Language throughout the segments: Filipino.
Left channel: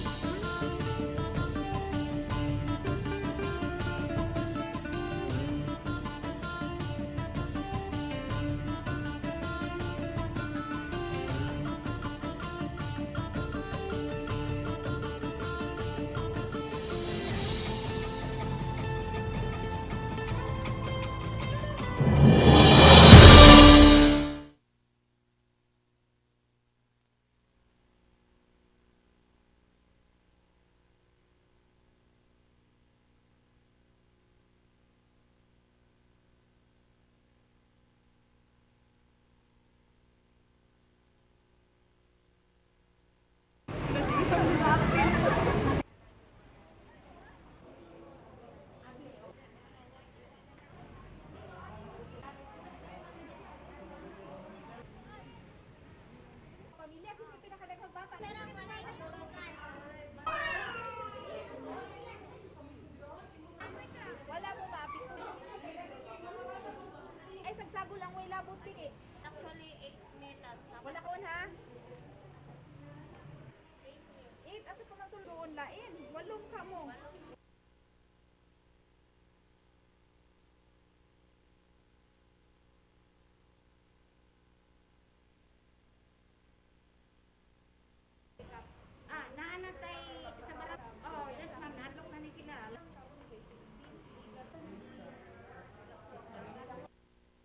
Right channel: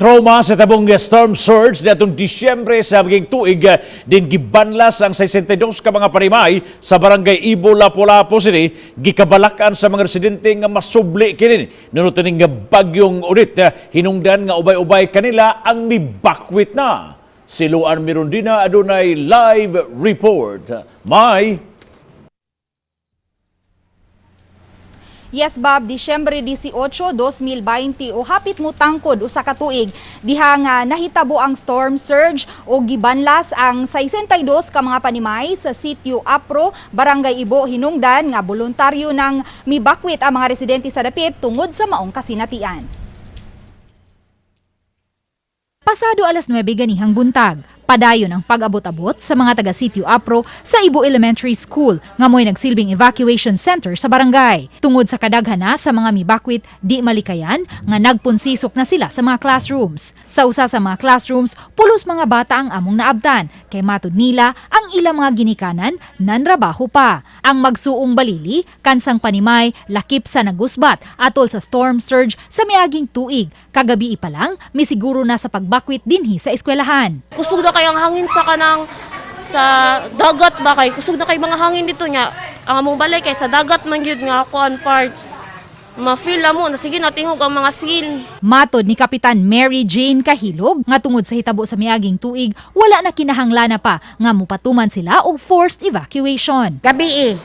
Trauma sa tabong storm surge natong Disyembre sa maging tuig din gibanlas ang 62 ka mga parimay sa barangay Ibo, Lapu-Lapu City gikabalakan sa mga residente nga masubli kini nunutin nga bagyong ulit hinungdan nga ubay-ubay kanila ang mibakwit na. Si Luan Mirondina adunay live report. May Yes, Bob, Disyembre 18, 2020 o hapit mo tangkod usa ka tuig diha nga nahitabo ang storm surge o gibanlas ang 62 ka mga panimay sa sitio Apro, Barangay Ibo, hinungdan nga voluntaryo nang mibakwit ang mga residente sa dapit tungod sa maong kasinatian. Pasado alas 9 ganihang buntag, padayon ang pag-abot-abot sa mga taga-sitio Apro sa Ibo Elementary School nga mo'y nagsilbing evacuation center sa barangay. Tungod sa kadaghana sa mga mibakwit di malikayan nga nagpunsisok na sila sa mga classrooms. Sa usa sa mga classrooms, pulos mga bata ang among naabtan kay matud nila ang ilang mga ginikanan nanrabaho pa. Ang magsuong balili kansang panimay lakip sa nagusbat atol sa storm surge sa miaging tuig. Kagabi pa lang misiguro na sa pagbakwit dinhi sa eskwelahan. Kusog na kay ang hangin sa kanang sa dagat ba kay kusog na kay mga hangin dito nya ang among balay kay sa dagat man gyud nga kuan part ma-feel mo na sige natingog ang mga seal. Matod ni Kapitan Mary Jane Kahilog nga tungod sa hitabo sa miaging tuig wala na kinahanglan pa nga mupatuman sila og forced evacuation. Gabi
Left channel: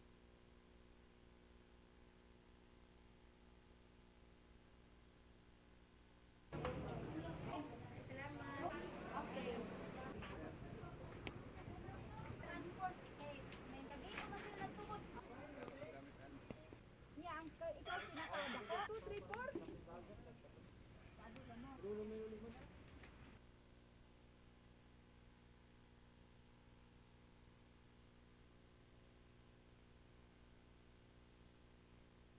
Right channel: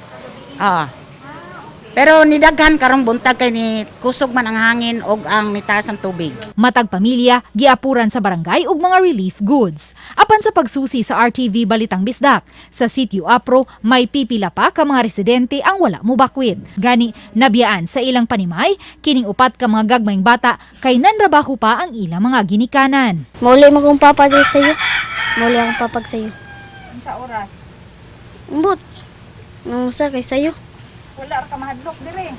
Pero nidaghan karong buntag kay ni kusog man ang hangin og ang nitaas ang tubig. Matag pamilya giapuran sa barangay og mga relief goods. Apan sa pagsusi sa RTV Balitang Bisdak, sa sitio Apro may pipila pa ka mga residente ang wala mobakwit. Gani nabiyaan sa ilang panimay kining upat ka mga gagmayng bata kay nanrabaho pa ang ilang mga ginikanan. Muli magong papag sa'yo. Muli akong papag sa'yo. Sa oras Umbot. Nung sa kay sa'yo. wala ka mahadlok dire.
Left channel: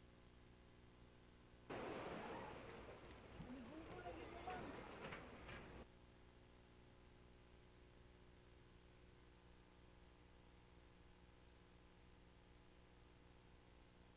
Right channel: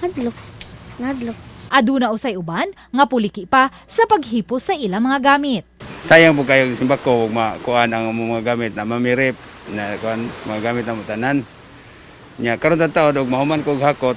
Hadlok. Nadlok. Aduna usay uban nga puliki pa sa paghipos sa ilang mga gamit. Sayang po kayo simbako makuan ang mga gamit na mamirip na kuan mga gamit na mutanan. Nya karon ta taod og mahuman kog hakot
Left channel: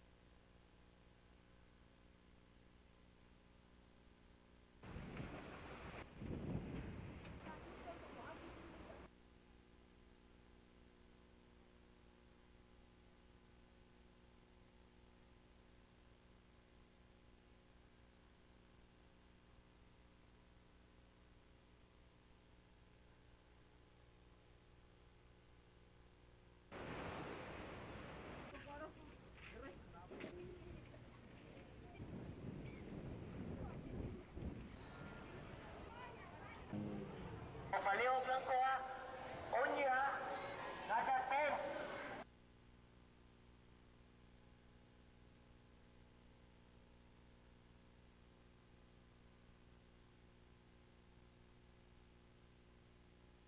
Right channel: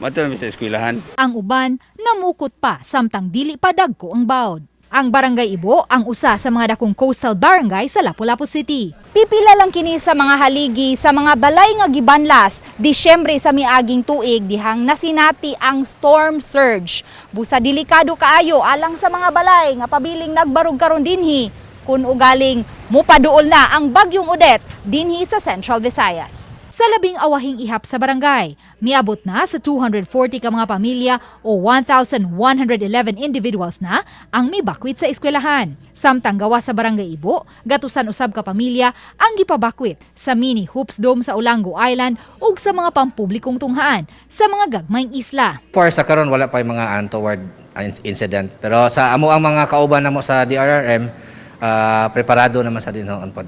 matud mi sa eskwelahan. Ang uban namukot pa samtang dili pa dagko ang bawd. Ang Barangay Ibo ang usa sa mga dakong coastal barangay sa Lapu-Lapu City. Pipila lang kini sa mga haligi sa mga balay nga gibanlas Disyembre sa miaging tuig dihang nasinati ang storm surge. Busa delikado kaayo alang sa mga balay nga pabiling nagbarug karon dinhi kun ugaling mupaduol na ang bagyong Odette dinhi sa Central Visayas. Sa labing awahing ihap sa barangay, miabot na sa 240 ka mga pamilya o 1,111 individuals na ang mibakwit sa eskwelahan. Samtang gawa sa Barangay Ibo, gatusan usab ka pamilya ang gipabakwit sa mini hoops dome sa Olango Island ug sa mga pampublikong tunghaan sa mga gagmayng isla. For sa karon wala pa yung mga untoward incident. Pero sa amo ang mga kauban namo sa DRRM, preparado naman sa dinhon pod.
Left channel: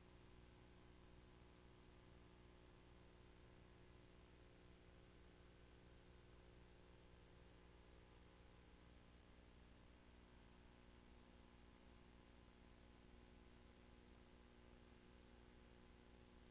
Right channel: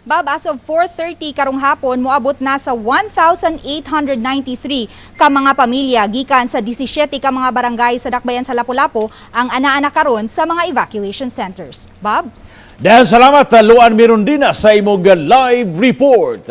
Bob, as of 4:30 karong hapon, moabot na sa 1,893 ka mga pamilya gikan sa 17 ka mga barangay sa dakbayan sa Lapu-Lapu ang ana-ana karon sa mga evacuation centers. Bob? dahil salamat Luan Mirondina sa imong live report.